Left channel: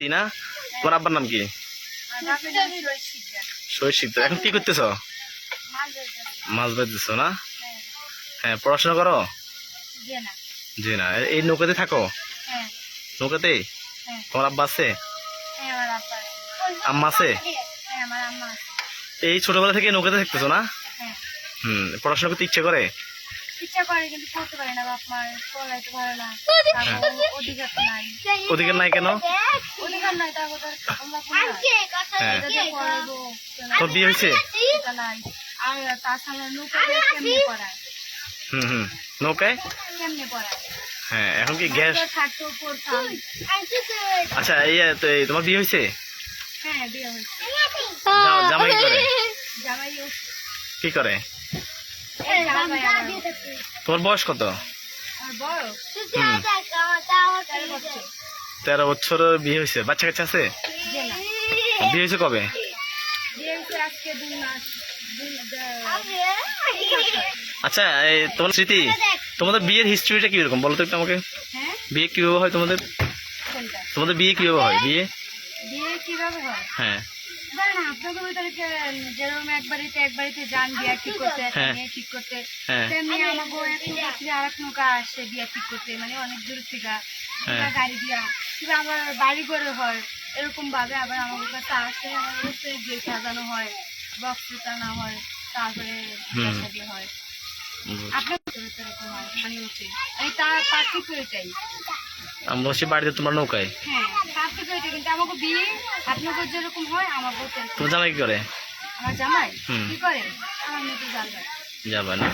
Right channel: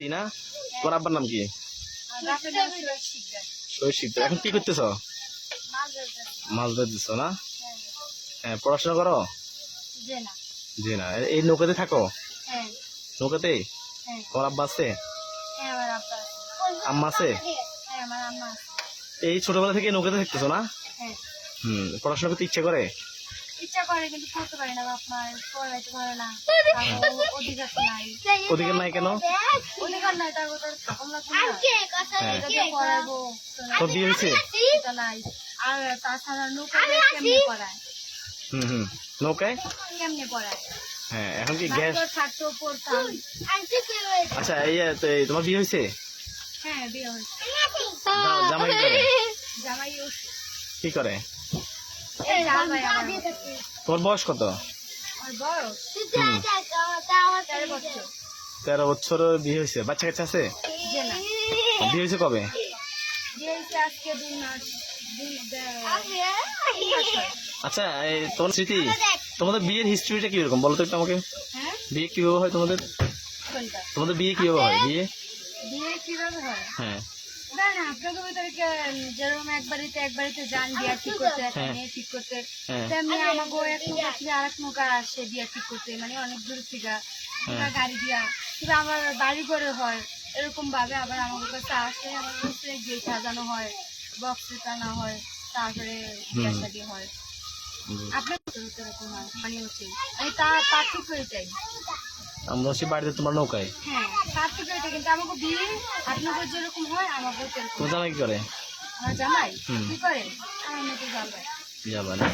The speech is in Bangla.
না তোমার আব্বার নাম কি? শহীদ শিকদার এখন কি করতেছ? মাছ বেঁধেছ না? হ্যাঁ হ্যাঁ পড়াশোনা করো? জি না এই নৌকাতে থাকো? হ্যাঁ নৌকাতে? হ্যাঁ তোমার আব্বা আছে? হ্যাঁ আম্মা আছে? হ্যাঁ এই ছোটবেলা থেকে নৌকাতে থাকতেছো না? হ্যাঁ। হুম পড়াশোনা করতে ইচ্ছে করে? ইচ্ছা করে কিন্তু পড়তে পারি না বাপ মার পড়াইতে পারে না। অধিকার নাই। অধিকার নাই কেন? অধিকার নাই তারপর তোর কমলা হ্যাঁ। তো বিয়ে হয়েছে? নাই। আর তাছাড়া নৌকা কেমনে পড়ায়? হুম হুম। নৌকায়? কেমনে পড়ায়? হ্যাঁ এখন কি গ্যাস? তো আচ্ছা এই তো তোমার বিয়ে হয়েছে? হ্যাঁ বিয়ে হয়েছে। জামাই করে? জামাই কি করে? তোমার বয়স কত? হুম। তেরো বছর। বিয়ে হয়েছে। বাচ্চা কাচ্চা আছে? বিয়ে হয়েছে কবে? আচ্ছা এই তোমার স্মৃতি তোমাদের বিয়ের হিস্ট্রিটা কীরকম? বলো তো একটু আমাকে। হ্যাঁ? বিয়ে কীভাবে হয় তোমাদের? তোমাদের বিয়ে কীভাবে হয়? বিয়ে? বিয়ে কীভাবে হয়? হ্যাঁ। আপনাদের ভিতরে যেরকম এক বাড়িতে এক বাড়িতে যান বিয়া ঠিক করতে একটা হ্যাঁ। মেয়ে ঠিক করতে হ্যাঁ। তেমনি আমাকে এক নৌকা থেকে আর এক নৌকা আসে বিয়া ঠিক করতে মানে অনেক দূর থেকে। হ্যাঁ। গাড়ি দিয়া। কিংবা আমার বাড়ি করে হয় এরকম ভাবে আবার আমার কাছে আসে আমার কাছে সাজানো হয় বক্স টানা হয় তারপরে বিয়া। হয়। আপনার ভিতরে তো এরকম হয় মানে আমি তা পার্থক্য এটাই আমরা হচ্ছে বাড়িতে তোমার নৌকায়? হ্যাঁ। কিন্তু আমাকে বিয়ে আপনাকে যেরকম হয় আমাকে তোমার জামাই কি করে? আমার জামাই? কি করে? আমার জানবে যাবে না?